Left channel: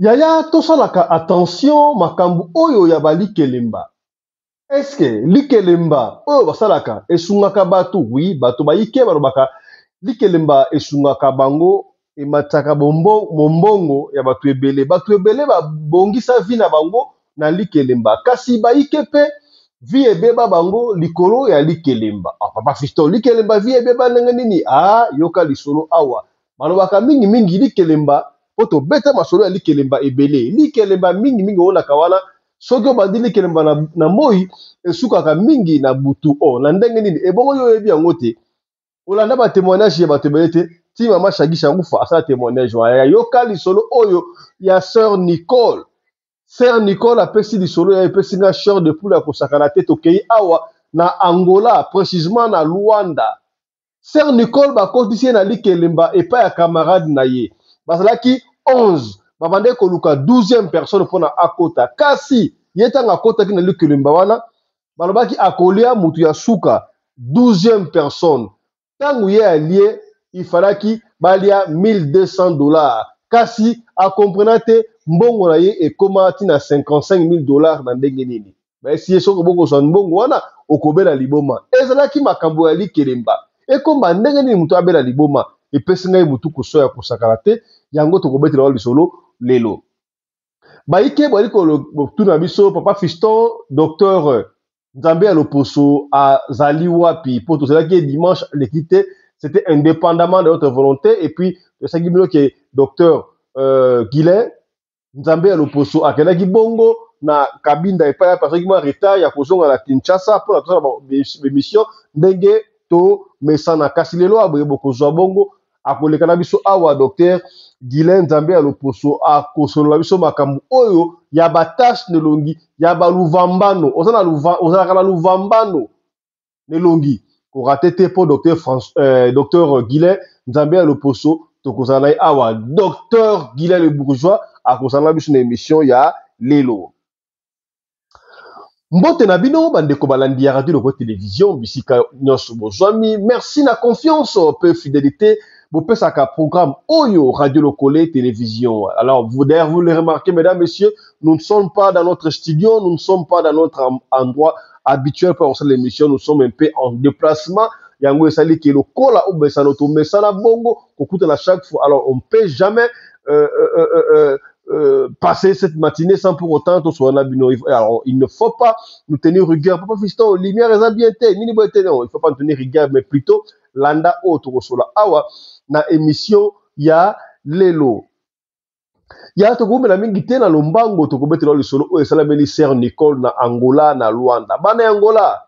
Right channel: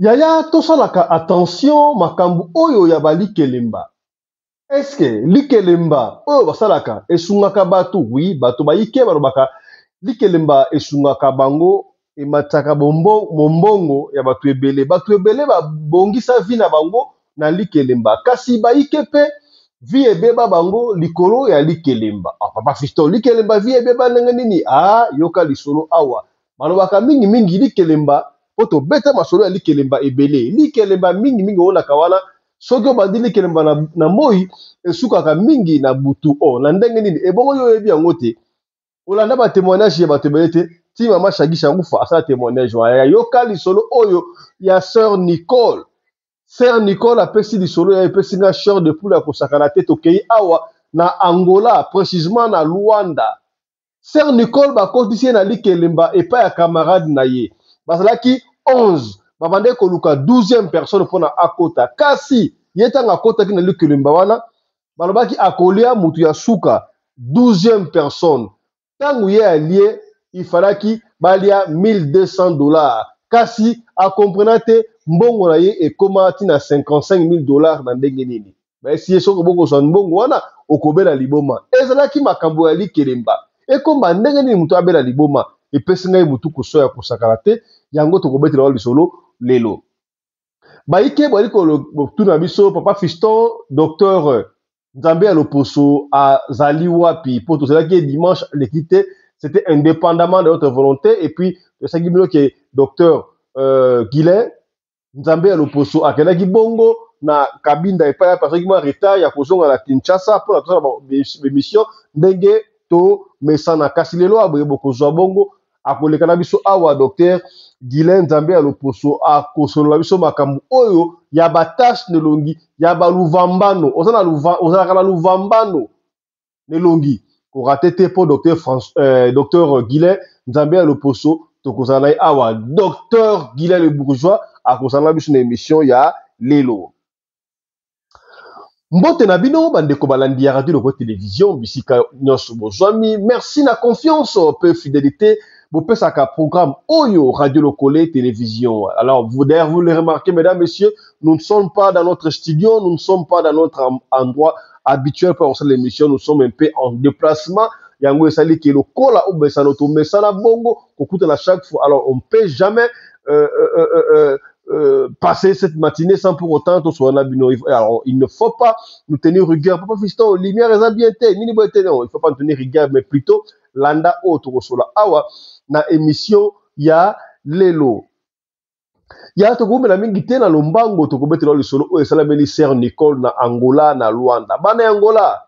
Yaya tosalaka attention makambo oyo ya balikelemba. Est-ce que likelemba oyo basalaka esungaka bato? Oui, bato bayike balobaka likelemba esungaka bango emataka mombongo ya bato ebele. Bato ebele babongisa vi na bango na likelemba. Kasi bayike pe vi ebeba bango likolo ya likelemba. Ah, papa Fiston, likelemba vi ebeba ndenge nini? Ah, yoka lisolo awa. Balobaka mingi mingi likelemba poto beta masolo ya likelemba ebele. Likelemba mingi mingi ona kawana soki obandi likelemba na moi esukaka mingi na butu o na ndenge nini ebongo yo yebi yango te olanda ba témoignage ya bato ebele te ti mama Shagisha Ngufa asala témoignage ya yoka lisolo oyo ya sœur Nicole. Sœur Nicole apesi lisolo ya epesi nga chair de poule ya kosakana te tokei awa na Angola précisément na Luanda. Sœur Nicole bakotisi ye na likelemba epai ya camarade na ye bazalaki 11 babande koluka 12e personne mpona akota kasi ye ntango akotaki na likelemba wana balobaki akolia mutu ya suka 12e personne ntango ye alie ifalaki balia $1200 kasi akomprena te mbongo na ye ekoma tina $55,000 na ndenge nini baesi ye soki bokozwa mbongo wana okobela liboma ezalaki makambo ya likelemba ekomba ndenge nini mutu abela liboma epesi ngai mutu kosoya kosakana te yango tokobetela wa lisolo lelo baike bwali kotuna biso papa Fiston docteur Nzambe ya loposo azali wapi po tozalaki dimanche l'équité c'était indépendamment de notre volonté et puis tosaki bino ke docteur Guilain Nzambe ya loposo akendaki bongo na kabinda epai ya personne qui retard ya kozonga na Kinshasa pour la émission ndenge to mesana kasi lelo aboye bokozwa bongo akoleka na biso awa docteur Guilain Nzambe ya loposo akosolola biso makambo oyo ya batashe nelongi ya baluvambano ozalaka na luvambano nelongi korate te po docteur Guilain Nzambe ya loposo tokozala na ye awa docteur Guilain le bourgeois akozala na biso na émission ya lelo mbote na bino bandeko balandi ya radio loko télévision bisika nyonso bozwami merci na confiance pe fidélité bopesaka programme oyo radio lokole télévision. Alors vous d'ailleurs vous le remarquez mesdames messieurs, nous ne sommes pas dans notre studio, nous ne sommes pas dans notre endroit habituel pour faire l'émission, nous sommes un peu en déplacement. Yango esali ke lokola ou besano to mesana bongo kokuta na chaque fois. Alors on peut jamais passer cette matinée sans pour autant tout soit bino. Alors il ne faut pas nous tenir rigueur. Papa Fiston, lumière est bien té, ni bon té non, il faut pas nous tenir rigueur mais plutôt landa auto sola awa na émission ya lelo. Ya to gomela mingi te na lombango to kobetela le solo o esala meli sœur Nicole na Angola na Luanda. Bana Angola.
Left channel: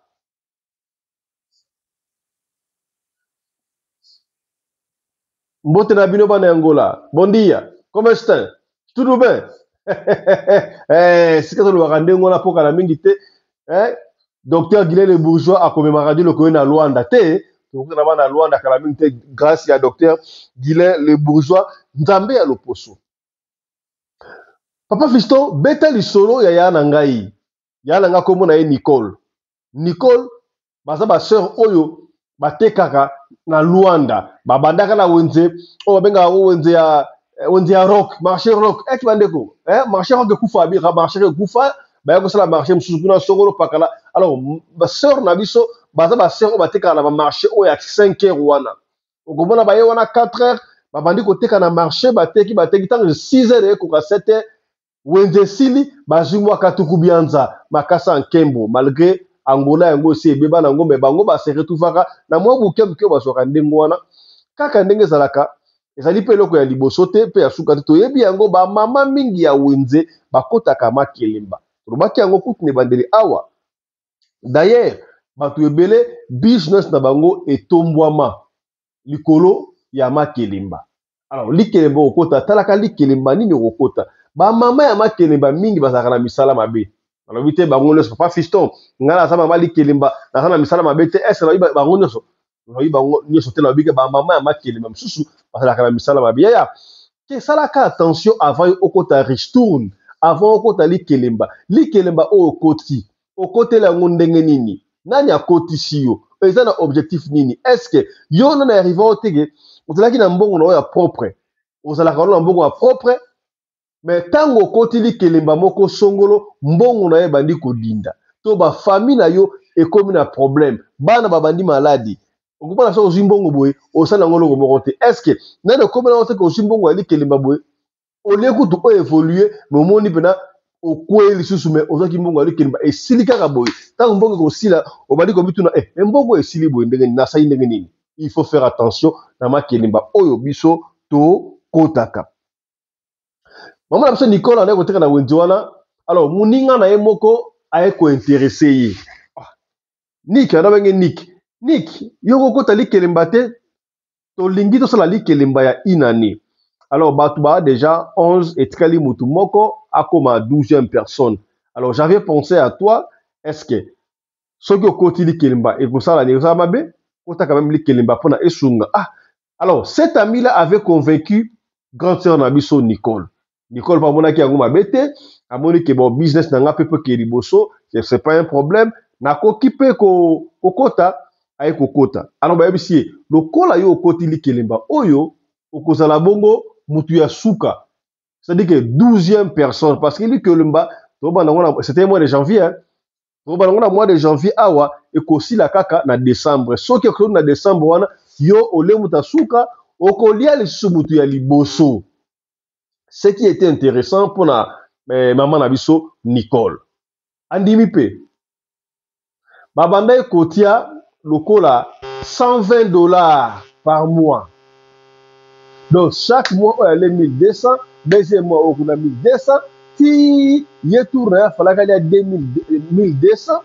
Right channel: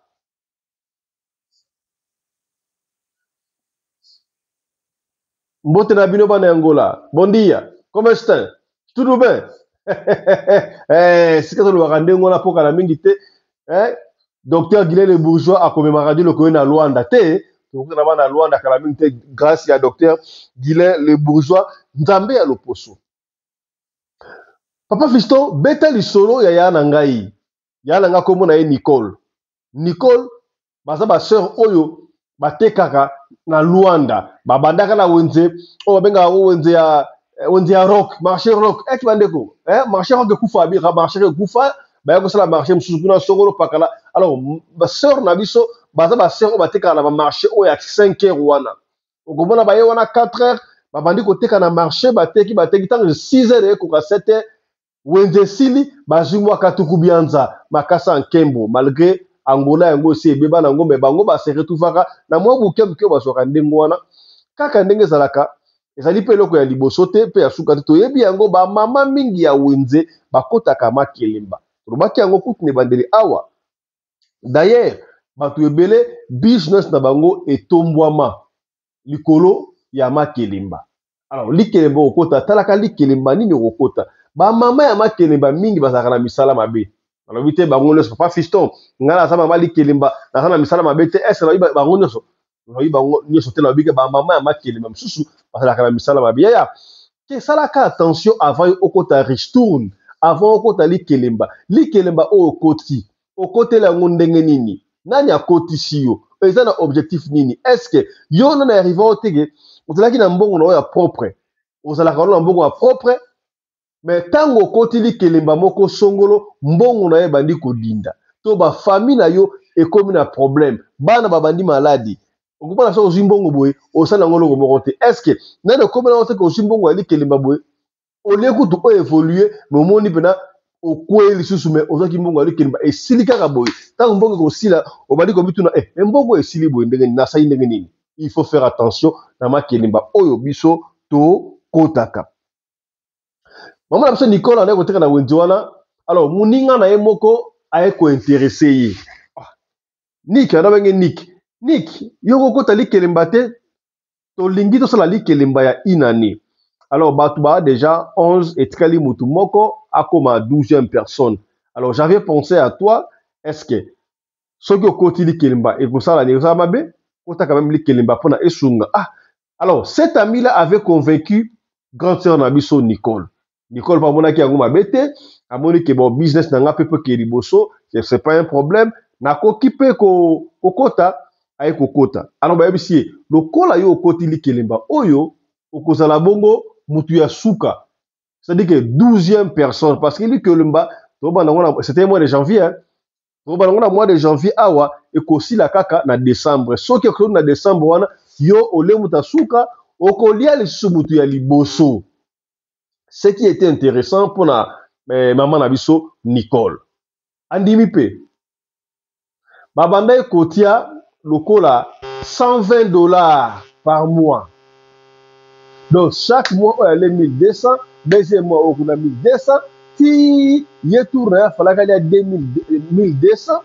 Mbote na bino bana Angola. Bon dia. Comment est-ce? Tout bien? Si ka to lo rande ngona poka na mingi te, docteur Guilain le bourgeois a commémoré le na Luanda te. Donc na bana Luanda kala mingi te grâce à docteur Guilain le bourgeois Nzambe ya loposo. Papa Fiston beta lisolo ya na ngai. Ya na nga kombo na ye Nicole. Nicole baza ba sœur oyo batekaka na Luanda babandaka na wenze o benga wenze ya rock marché rock et bandeko marché rock kufa bi marché kufa ba yako sala marché mususu kuna songolo pakala. Alors ba sœur na biso baza ba sœur batekaka na ba marché o ya 5 heures wana okomona ba ye wana 4 heures babandi koteka na marché bateki tant 6 heures ko 7 heures wenze sili bazimwa katuku bianza makasa nkembo malgré Angola yango aussi ebeba na ngombe bango ba se retrouvaka na mwa buke buke basoka ndengo wana kaka ndenge zalaka ezali pe loko ya liboso te pe ya suka te toyebi yango ba mama mingi ya wenze bakotaka makelemba tolobaki yango kutu ne bandeli awa d'ailleurs bato ebele business na bango etombwama likolo ya makelemba. Alors likelemba okota talaka likelemba nini okota ba mama ya makelemba mingi bazalaka na misala mabe. Alors vite bango nyonso papa Fiston ngala za mama likelemba na misala mabe te est na bango nyonso bango nyonso te na bika ba mama ya makelemba mususu bazalaka na misala mabe ya ke salaka attention avant okota ristourne avant okota likelemba o okotela yango ndenge nini nani akotisi yo eza na objectif nini est-ce que yo na arriva otege ozalaki na mbongo na oya propre ozalaka na mbongo ya propre mais tango okotili kelemba moko songolo mbongo na ye bandi kodinda to bafamille na yo ekomi na problème bana babandi maladi okomona so ozwi mbongo boye osala yango eloko moko te estce nani okomi nango te ke ozwi mbongo yali kelemba boye olie kutu oévolue me omoni mpena okwei lisusu me ozwaki mbongo yali kelemba esili kaka boye ntango mbongo ekosila obandi komituna me mbongo esili boye ndenge nini nasali ndenge nini il faut faire attention na makelemba oyo biso tokotaka mama na biso Nicole anaye koteka na wenze wana alors moninga na ye moko aye kointeresse ye Nick anabenge Nick yo kokota likelemba te tolingi tosala likelemba ya inane alors bato ba déjà 11 etikali mutu moko akoma 12e personne alors j'avais pensé à toi est-ce que soki okoti likelemba ekosala ni osala mabe kota quand même likelemba mpona esunga alors cet ami là avait convaincu grande sœur na biso Nicole pa amonaki yango mabe te amoni ke bon business na nga mpe mpe ke liboso c'est pas un problème nakoki mpe kokota aye kokota alors bayebisi ye lokola yo okoti likelemba oyo okozala bongo mutu ya suka c'est-à-dire que 12e personne parce que likelemba c'était mois de janvier hein? Na mois de janvier awa ekosila kaka na décembre soki ekosila na décembre wana yo olemuta suka okolia lisusu mutu ya liboso ce qui était intéressant pour la maman na biso Nicole andimi pe babanda ekotia lokola $120 par mois donc chaque mois on allait 1200 deuxième mois on a 1200 si ye tourne ya falaka ya 1200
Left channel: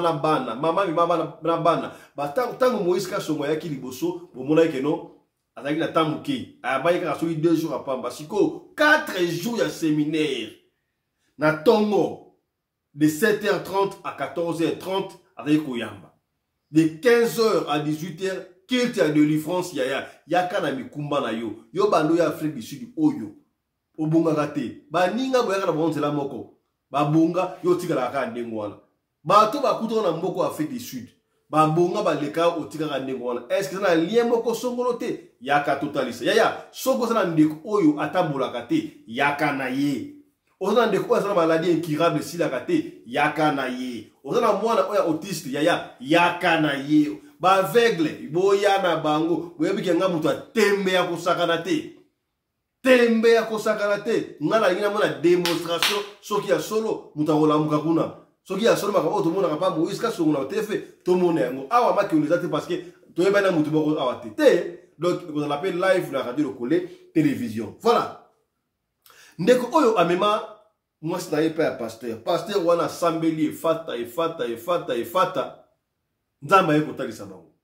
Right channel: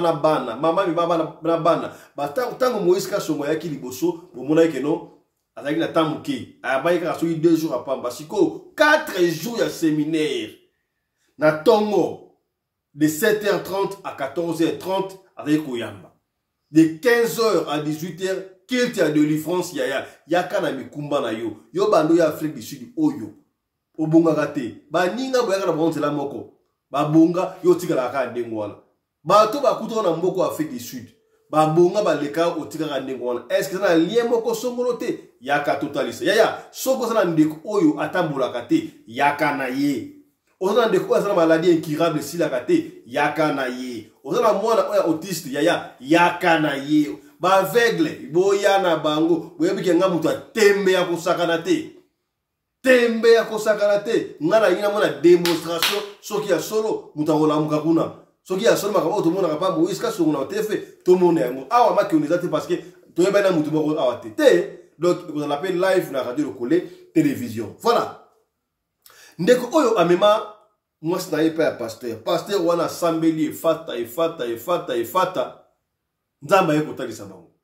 na bana mama mi mama na bana ba tango Moïse Kasongo yaki liboso bomona ke no azaki na tamuke abayi ka so 2 jours apamba siko 4 jours ya séminaire na tongo de 7h30 à 14h30 avec koyamba de 15h à 18h kilte ya délivrance yaka na mikumba na yo bando ya Afrique du Sud oyo obongaka te baninga boyaka na bonzela moko babonga yo tikala ka ndengo wana bato bakuta na mboko Afrique du Sud babonga baleka otikaka ndengo wana est-ce que na lien moko songolo te yaka totalisa yaya soko sana ndeko oyo atambolaka te yaka na ye ozana ndeko oyo asala maladie incurable silaka te yaka na ye ozana mwana oyo autiste yaka na ye ba aveugle boya na bango boyebi nga mutu atembe ya kosakana te tembe ya kosakana te ngana yina mona démonstration soki ya solo mutu akolamuka kuna soki ya solo makabo to mona pa Moïse Kasongo na tefe to mona yango awa maki on ezate parce que to yeba na mutu moko awa te donc vous l'appelez live na radio Lokole télévision voilà ndeko oyo amema mwasi na ye pa ya pasteur wana sambeli efata nzamba ye kotalisa bango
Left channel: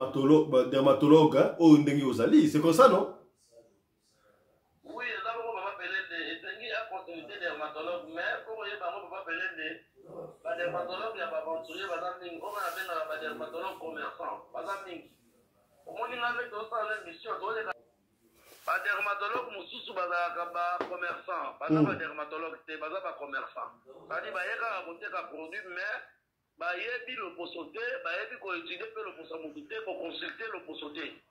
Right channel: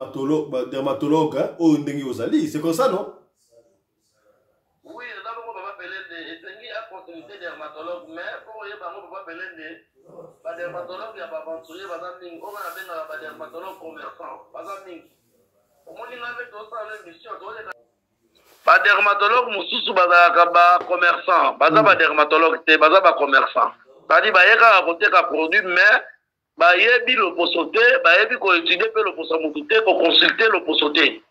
dermatologue, hein, au Ndengi Ozali, c'est comme ça, non? Oui, là, on va appeler des consulter dermatologue, mais pour y avoir, on va appeler des dermatologues, il y a pas aventurier, on va appeler dermatologue commerçant. Au moins, il avait tout ça, l'émission, ba dermatologue mususu bazalaka ba commerçant baza ba dermatologue te baza ba commerçant badi bayeka koteka produit mais bayebi loposo te bayebi koétudier mpe loposo ya motu te koconsulte loposo te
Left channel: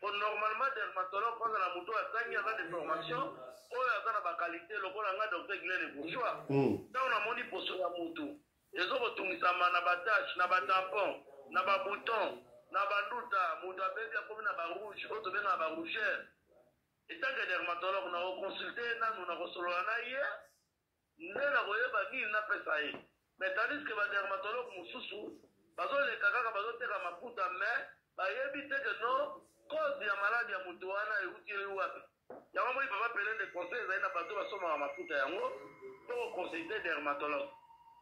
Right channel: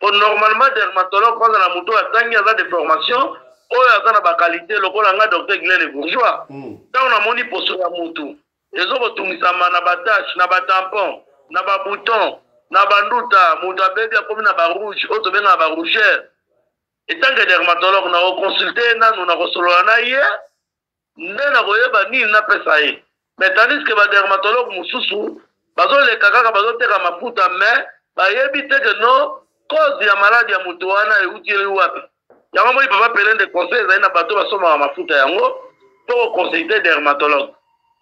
po normalement dermatologue kwanza na motu atangi aza de formation oyo aza na bakalite lokola nga docteur Guilain Le Bourgeois ntango namoni poso ya motu ezokotungisama na batache na batampon na babouton na banduta motu abebi akomi na barouge oyo tobengaka barougere etant que dermatologue na consulter nanu na kosolola na ye nde na koyeba nini napesa ye mais tandis que ba dermatologue mususu bazoleka kaka bazoteka mafuta mais bayebi te que no cause ya maladi ya moto wana euti wapi yango moi papa pele de conseil ezali na bato basomaka mafuta yango mpo koconsulte dermatologue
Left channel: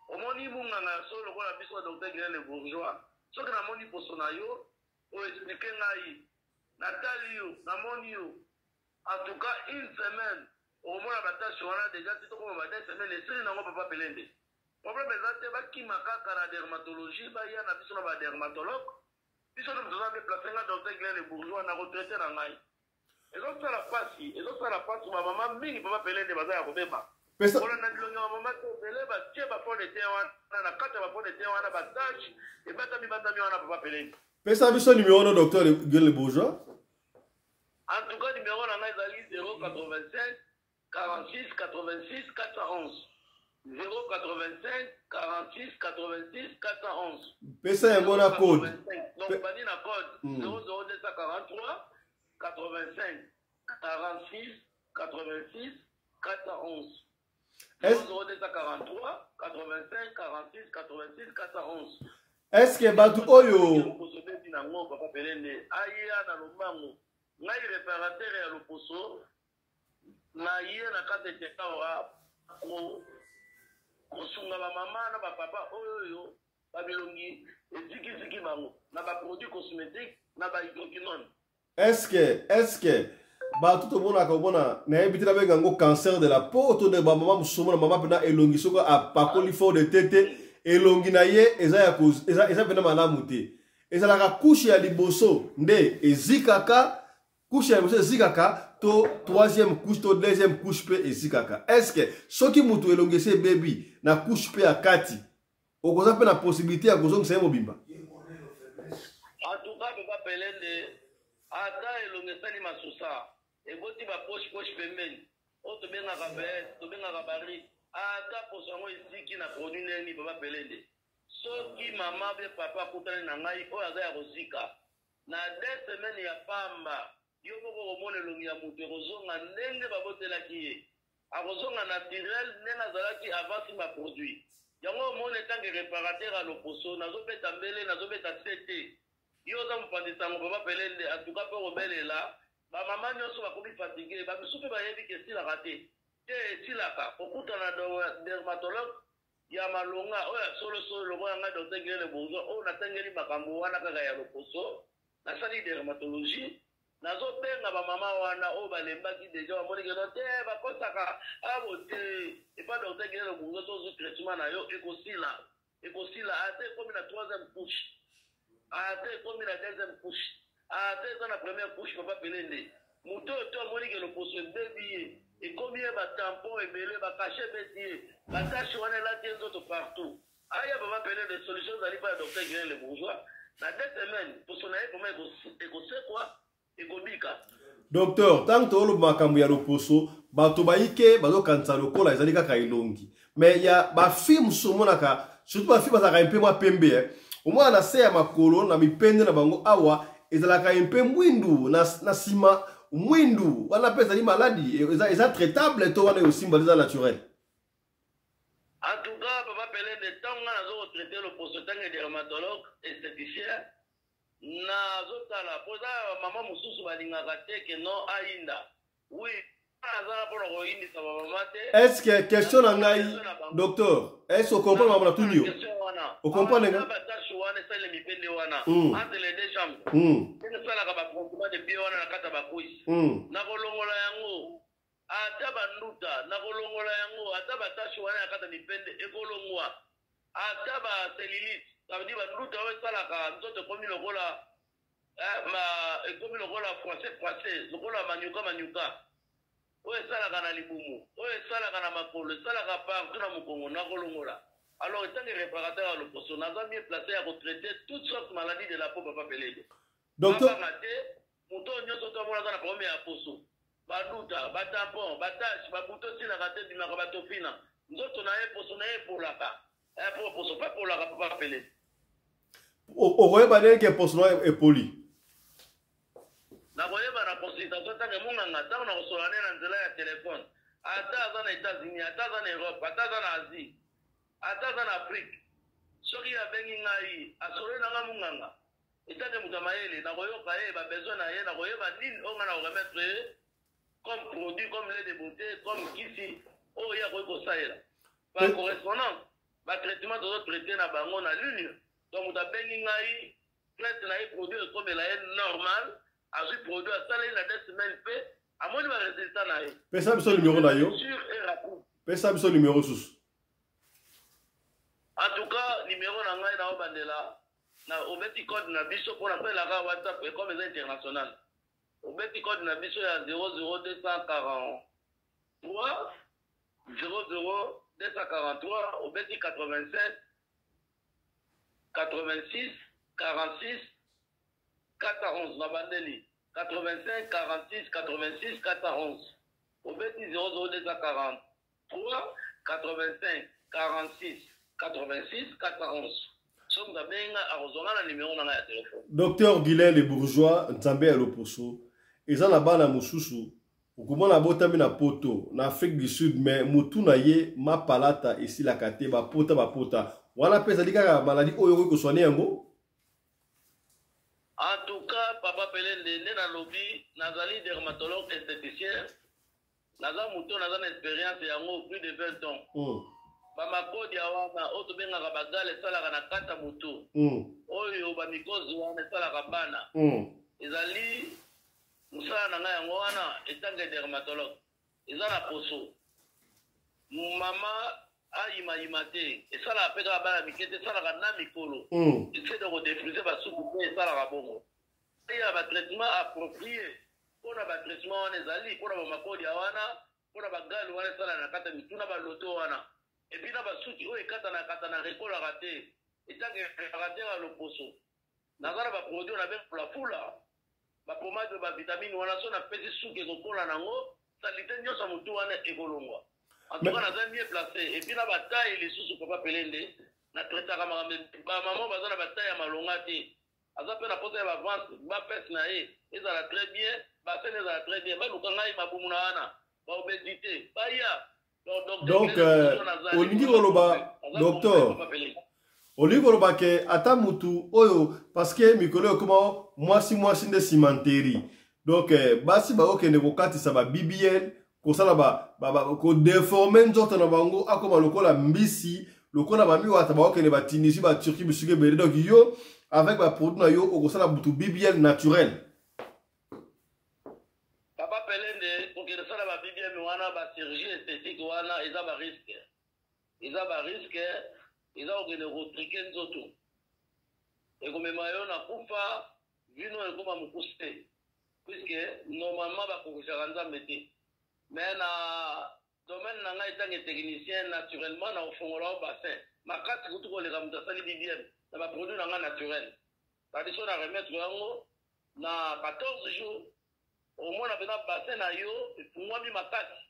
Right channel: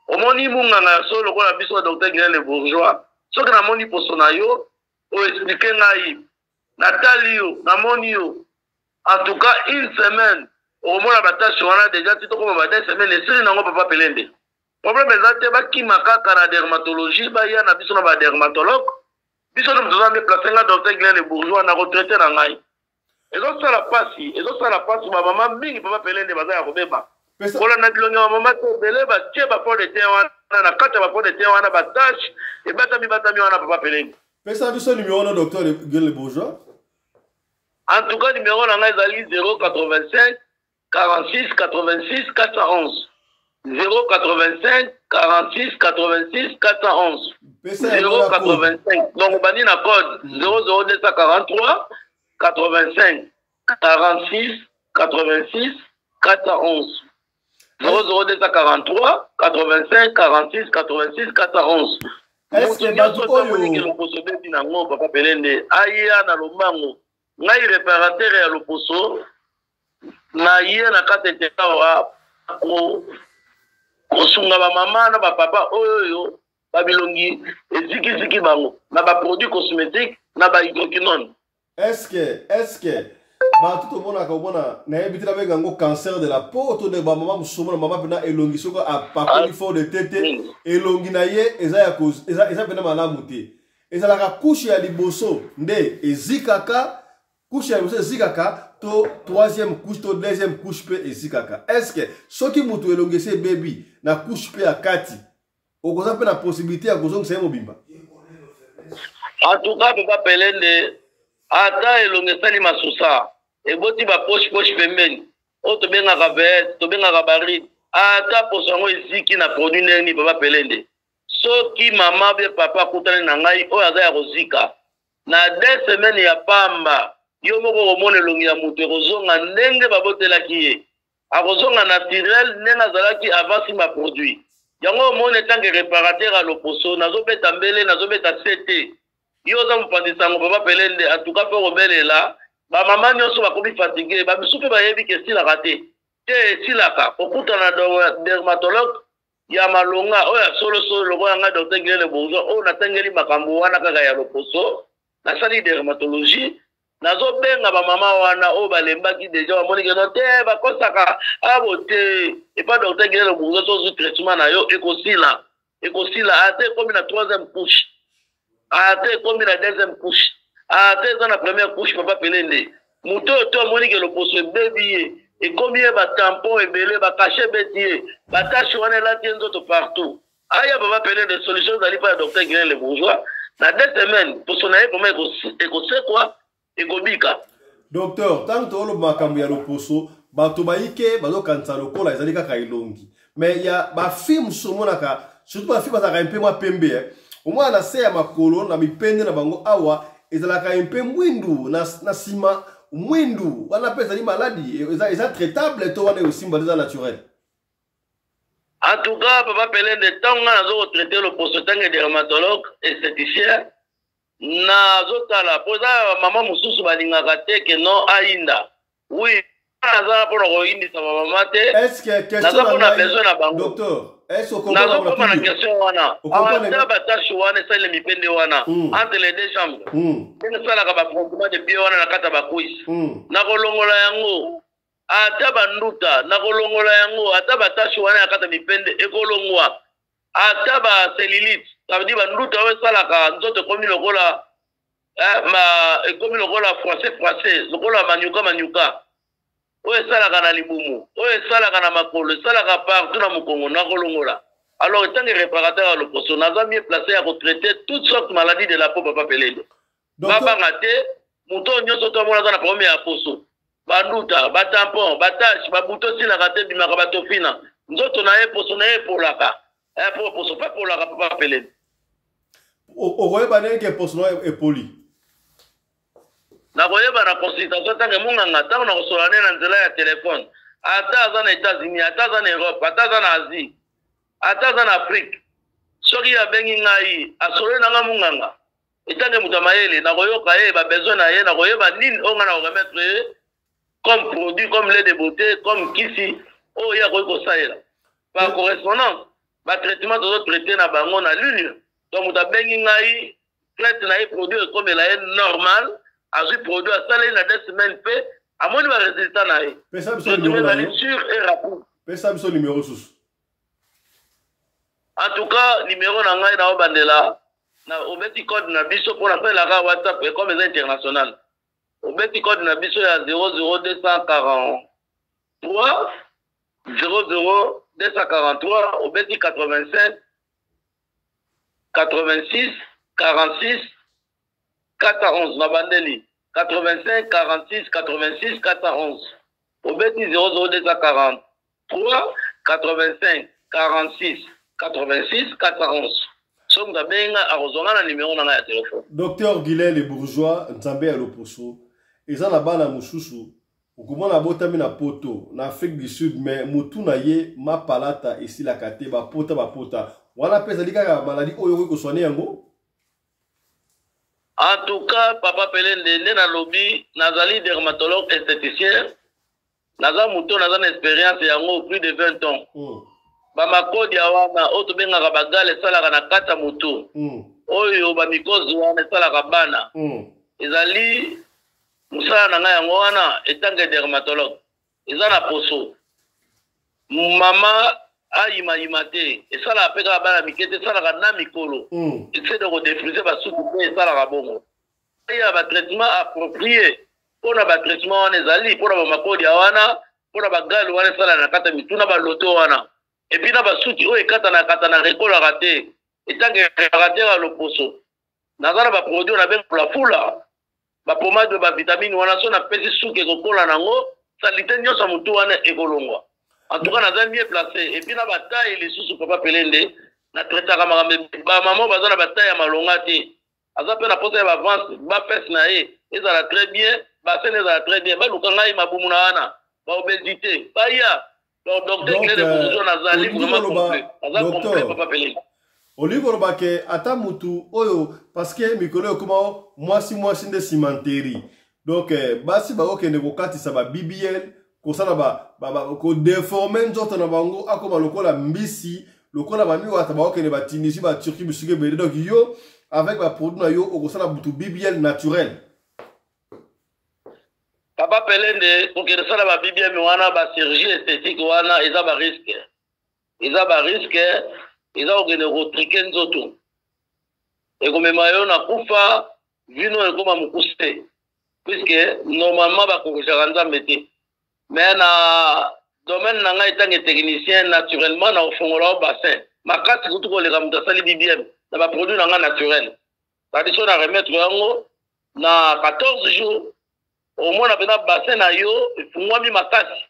omoni munganga ya solo lokola biso docteur Guilain Le Bourgeois soki namoni poso na yo oexplike ngai natali yo namoni yo. En tout cas, une semaine, au moins la bataille on a déjà dit comme va 2 semaines et si n'ango papa pelende. Problème est que qui maka la dermatologie, ba ya na biso na ba dermatologue, biso nous devons déplacer un docteur Guilain Le Bourgeois na retraité na ngai. Et donc ça la passe ma maman mingi papa pelende baza ya kobeba. Kola na bilonga maman to belé ba tie ba pot de thé wana na kata ba pot de thé wana ba tâche et batami wana papa pelende. Pesa biso numéro no docteur Guilain Le Bourgeois. En tout cas, numéro est 085 46 86 411. 085 46 86 411. 085. Donc, on va dire la code 00243 85 46 86 411. 00243 85 46 86 411. Est-ce que ngai réparateur ya loposo na ye na kati tekawa kosunga bamama na bapapa oyo babilongi ezikiziki bango na baproduit cosmétique na bahydroquinone. Est-ce que bato tomonaka komona nayebi te nabenga yango cancer de la peau to de bamama mosusu omona mama mpena elongi soko apakoli fort de tete elongi na ye eza mpena malamu te ezalaka kushe ya liboso nde ezikaka couche ya liboso ezikaka to troisième couche to deuxième couche pe ezikaka. Est-ce que soki mutu elongisi bebi na couche pe ya kati okoza pe na possibilité ya kozongisa ye mobimba? En tout cas papa pelende ata elongisani masusa eboti ba poche pembeni oyo tobengaka veste tobengaka baride ata poso yango eziki na produit ndeni papa pelende soki mama be papa akutani na ngai oyo aza ya kozika na 2 semaines ya pamba yo moko komona elongi ya moto ekozonga ndenge babotelaki ye akozonga naturel ndenge azalaki avant sima produit yango omona etange réparateur ya loposo nazobeta mbele nazobeta sete yo oza mopandisa yango papa pelende atuka mpe kobelela bamama nyonso bakomi fatigue bamisu mpe bayebi ke esilaka te esilaka kokutana na dermatologue ya malonga oyo ya solosolo lokola nga docteur Guilain Le Bourgeois oyo natangeli makambo wana kaka ya loposo nasali dermatologie nazobenga bamama wana oyo balembaki deja bamoni keno te bakosaka abo te epa docteur Guilain Le Bourgeois sozwi traitement na yo ekosila ate ekomi na 3e couche ate ekomi na 2e couche ate eza na 1e couche papa pelende moto oyo to amoni ke loposo ebebi ye ekomi ye batampon ebele bakashe ebeti ye batache wana elati ye nzoto partout aya papa pelende solution ezali mpo ya docteur Guilain Le Bourgeois na 2 semaines poso na ye vraimen ekosekwa ekobika. Docteur, tant que tu makambo ya loposo bato bayike bazokanisa lokola ezali kaka elongi mais ya bafilme somonaka surtout bafilme bazalaka mpe mwa pembe omwana na se ya makolo na mipende na bango awa ezalaka mpe mwindu na nsima mwindu wana mpe ezali maladi eza traitable to wana eosimba eza naturel. En tout cas papa pelende ntango nga nazokotraite loposo ntango dermatologue esthéticien nazotala mpo eza mama mosusu balingaka te ke non ayinda oui naza mpona koyindisa bamama te. Est-ce que question naza na besoin na bango. docteur, est-ce que comprend naza na koma na question wana ata batashe wana esalile mipende wana entre les deux chambres ndenge esalaka bafrontement de pied wana na kati ya bakwisi nakolongola yango ata banduta nakolongola yango ata batashe wana ya kati ya mipende ekolongwa ata baselilite ça veut dire banduta oyo esalaka nzoto ekomi lokola ekomi lokola français lokola manyuka oyo esalaka na libumu oyo esalaka na makolo esalaka partout na mokongo nakolongola. Alors étant que réparateur à l'opposition naza mieux placé à traiter toutes sortes de maladies de la peau papa pelede babanga te moto nyonso to mona na problème ya poso banduta batampon batache babuto silaka te bimaka batofina nzoto na ye poso na ye polaka poso pas polaka papa pelede okoyeba ndenge poso na ye poli nakoyeba na consultation ntange monganga ntango na kosola ne na nzela ya telefone ata aza na États-Unis ata aza na Europe ata aza na Asie ata aza na Afrique soki abengi ngai asolo nanga monganga etange moto mayele nakoyoka ye babesoin na ye nakoyeba nini oyo nga na koremettre ye comme produit comme lait de beauté comme kisi oyo ye akoki kosalela par correspondance batraitement tozotraite na bango na lune donc moto abengi ngai traite na ye produit ekomela ye normal azwi produit asala ye na 2 semaines mpe amoni baresultat na ye pesa biso numéro na yo sur et rapide pesa biso numéro susu. En tout cas, numéro na ngai na obandela na obeti code na biso pour la la WhatsApp et comme international. Obeti code na biso ya 00243 00243 obeti 85 86 46 411 na bandeli 85 46 86 411 obeti 00243 85 46 86 411. Somme d'abenga à Rosonga numéro dans la téléphone. Docteur Guilain Le Bourgeois, Nzambe à l'Oposo. Ils ont là-bas na Moussousou. Okumana na botami na poto na Afrique du Sud mais mutu na ye ma palata ici la kate ba pota. Wana pesa lika maladie oyo ko soigner yango. En tout cas, papa Pelende na lobby nazali dermatologue esthéticien. Naza mutu naza expérience yango plus de 20 ans. Bamakodi ya wana oto bengaka bagale salaka na kata mutu oyo bamikozi wana salaka bana ezali musala na ngai yango wana etange dermatologue eza na poso mama ayima te esalaka mpe kaka bana mike te esalaka na mikolo ese de kodefrise basuku mpe esalaka bongo ya batraitement approprié mpona batraitement wana ezali mpona bamakodi ya wana mpona bagale wana esalaka na kata mitu na baloto wana et puis na basuki oyo katana rekolaka te etange réparateur à l'opposo nazana ba produit na benga la fula ba pomade ba vitamine wana so na pesi suki ekokola nango salite nyonso mutu wana ekolongwa en tout cas naza mieux placé et puis na bataille les sous papa Pelende na traitaka makambe ba maman bazana bataille ya malonga te aza pe na posa ya avance ba pes na ye ezala très bien ba sene ezala très bien ba lukanga yi mabumu na wana ba obésité ba ya donc Olivier Robake ata mutu oyo parce que mikolo yo koma mwasi nde cimanteri donc basi ba okende kokatisa ba BBL kosala ba ko déformer nzoto na bango akoma lokola mbisi lokola ba miwata ba okende ba Tunisie ba Turquie bisuke bele donc yo avec ba produit na yo okosala mutu BBL naturel. Papa Pelende, pour que ça va bien, wana ba chirurgie esthétique wana, ils ont ba risque. Ils ont ba risque, ils ont gagné retriquer nzoto. Et comme mayo na kufa, vino e comme mukuse. Puisque normalement ba corriger nzambe te. Mais na domaine na ngai tangi technicien naturellement na ofongola bassin. Makati kutu ko le kamuta sali BBM, na ba produit na nga naturel. Tradition na remettre yango na 14 jours. Au moins, on a bassin na yo, moi mi makasi.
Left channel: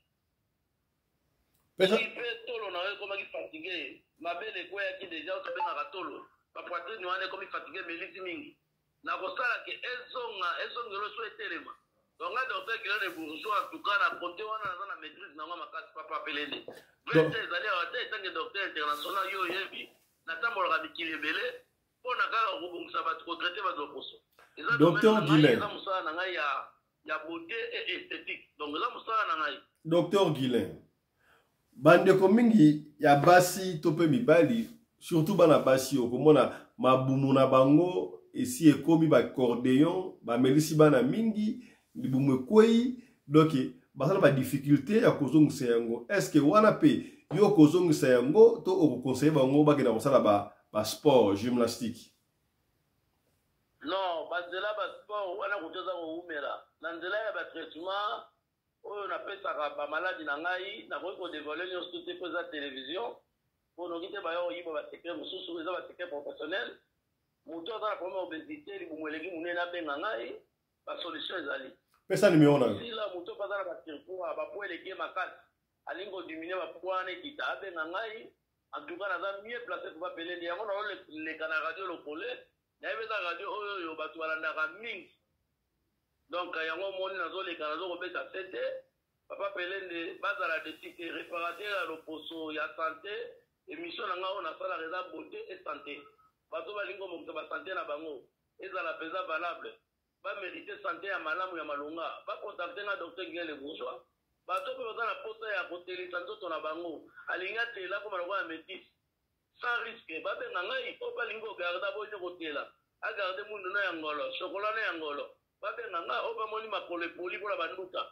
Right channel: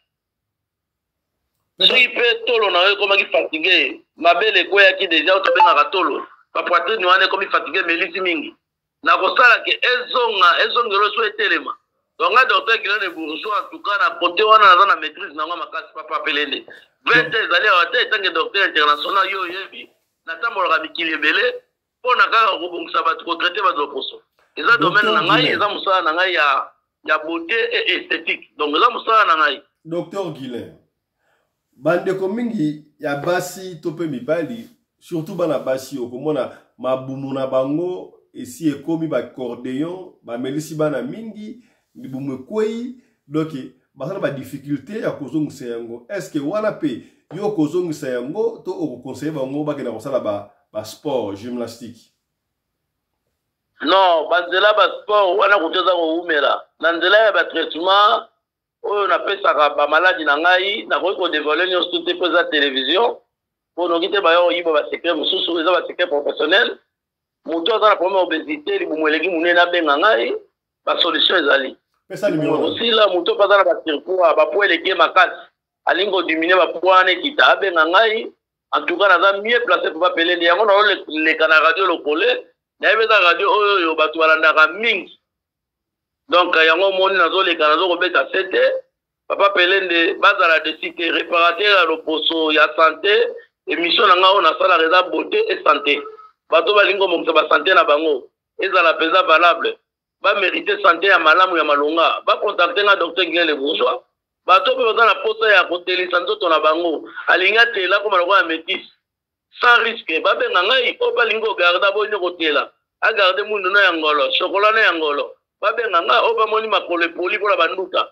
Si peut tolo na yo comme qui fatigué, ma belle quoi qui déjà to benga tolo. Pa poitrine ni wane comme fatigué mais lisi mingi. Na ko sala ke ezonga lo so etelema. Donc un docteur qui est bourgeois en tout cas na côté wana na maîtrise na makasi papa Pelende. 20 ans allez à tête tant que docteur international yo yebi. Na tambola ka bikili belé pona ka ko bongisa ba ko traiter ba dokoso. Eza domaine na ngai eza musala na ngai ya ya beauté et esthétique. Donc là mosala na ngai. Docteur Guilain, bandeko mingi ya basi to pe mibali, surtout bana basi okomona mabumu na bango esi ekomi ba cordéon, ba melisi bana mingi, libumu kwei, donc basala ba difficulté ya kozongisa yango. Est-ce que wana pe yo kozongisa yango to okokonseiller bango bakena kosala ba sport gymnastique? Non, banzela ba sport wana kuteza ko umela. Na nzela ya ba traitement oyo na pesaka ba maladie na ngai na ko dévoiler nyonso te pesa télévision pour no kite ba yo yiba ba secret mususu eza ba secret professionnel. Muto aza na problème obésité libumu eleki munene abenga ngai ba solution ezali. Pesa numéro na. Aussi là muto aza na ba surpoids ba poids eleki makasi alingo diminuer ba poids ne kita abenga ngai. En tout cas naza mieux placé pour appeler ndi yango na le kana radio lokole na ebeza radio oyo yo batu balandaka mingi. Donc yango moni nazo le kana zo kobeta sete papa pelende bazala de cité réparateur à l'oposo ya santé émission na ngao na sala reza beauté et santé. Bato balingo mo ba santé na bango ezala pesa valable ba mériter santé ya malamu ya malonga ba contacter na docteur Guilain Le Bourgeois. Bato pe bazana posa ya kotelisa nzoto na bango alinga tela ko maloko ya métis sans risque ba benga ngai o balingo garda bo ni kotela a garder mundu na yangolo chocolat na yangolo ba benga ngai o ba moni makolo poli pour la banduka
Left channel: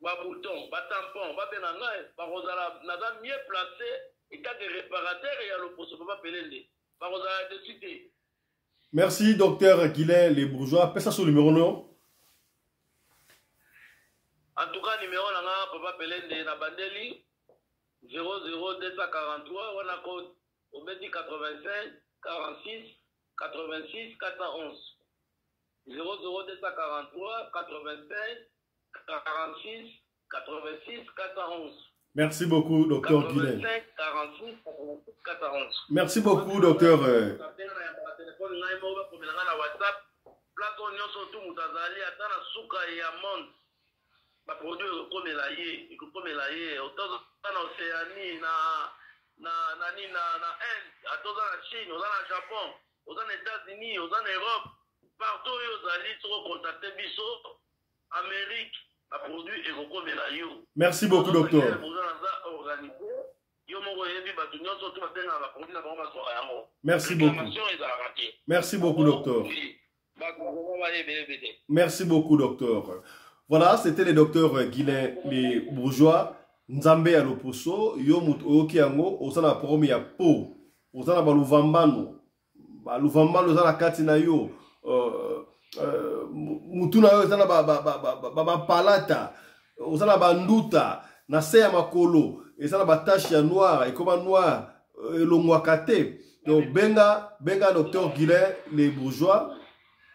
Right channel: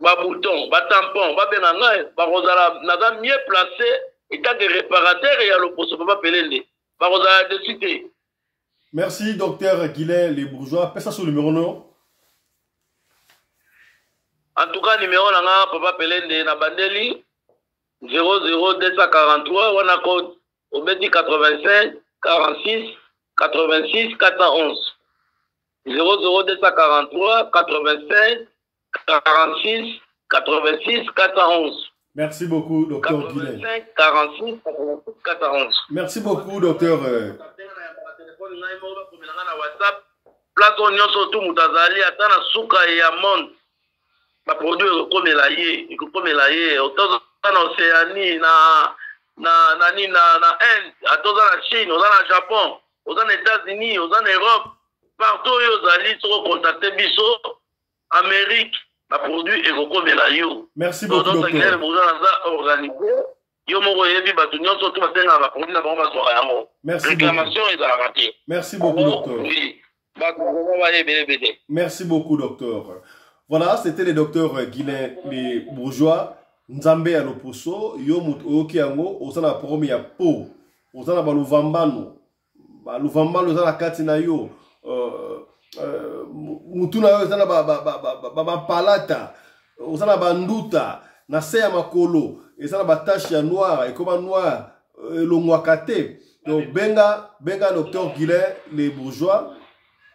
ba bouton ba tampon ba benga ngai ba kozala naza mieux placé état de réparateur ya loposo papa pelende ba kozala de cité. Merci docteur Guilain Le Bourgeois. Pesa sur le numéro non. En tout cas, numéro là, papa pelende na bandeli 00243 wana code obeti 85 46 86 411 00243 85 46 86 411. Merci beaucoup docteur Guilain. 85 46 86 411. Merci beaucoup docteur. Place on nyonso tout mutazali atana suka ya monde. Ba produit ekomela ye otoza na Océanie na Inde atoza na Chine oza na Japon oza na États-Unis oza na Europe partout yo zali to contacter biso Amérique ba produit ekomela yo. Merci beaucoup docteur. Yo moko yebi batu nyonso to basenga ba produit na bango ba soka yango. Réclamation ezala raté. Merci beaucoup docteur. Merci beaucoup docteur. Voilà, c'était le docteur Guilain Le Bourgeois. Nzambe ya loposo, yo mutoki yango, osana promi ya po, osana baluvambano, baluvambano osana kati na yo, mutuna yo osana palata, osana banduta, na se ya makolo, osana batache ya noir, ekoma noir, elongwakate. Donc benga docteur Guilain Le Bourgeois,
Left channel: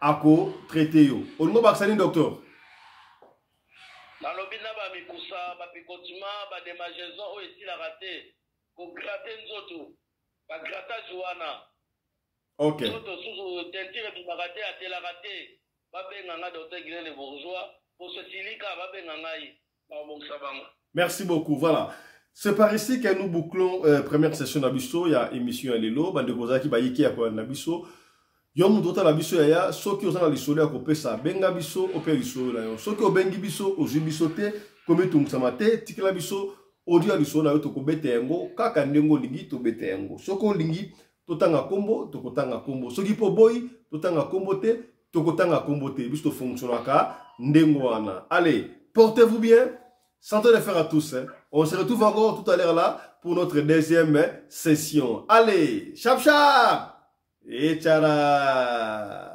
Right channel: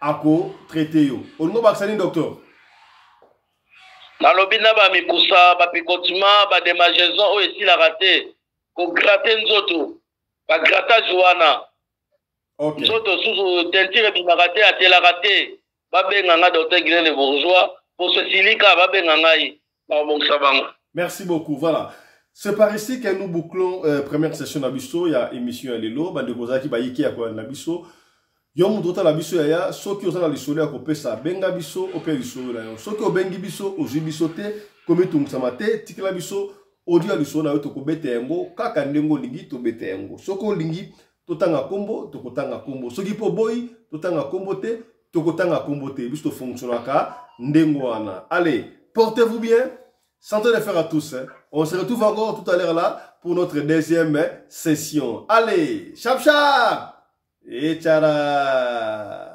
ako traité yo. Olingo baksani docteur. Na lobi na ba mikusa ba picotima ba démangeaison o esi la raté ko gratter nzoto ba grattage wana. OK. Nzoto susu tentire bi raté a tela raté ba benga nga docteur Guilain Le Bourgeois pour ce silika ba benga ngai ba bongsa bango. Merci beaucoup. Voilà. C'est par ici que nous bouclons première session d'Abisso. Il y a émission à l'élo. Bande Kozaki Bayiki à quoi l'Abisso. Yom tota la biso ya soki ozana lisolo ya kopesa benga biso ope lisolo na yo soki obengi biso ozwi biso te komi tungusama te tikela biso odia lisolo na yo tokobeta yango kaka ndenge olingi tobeta yango soki olingi totanga kombo tokotanga kombo soki po boyi totanga kombo te tokotanga kombo te biso tofonctionnaka ndenge wana. Allez, portez-vous bien, santé de fer à tous, hein. On se retrouve encore tout à l'heure là pour notre deuxième session. Allez, chap chap et tchara.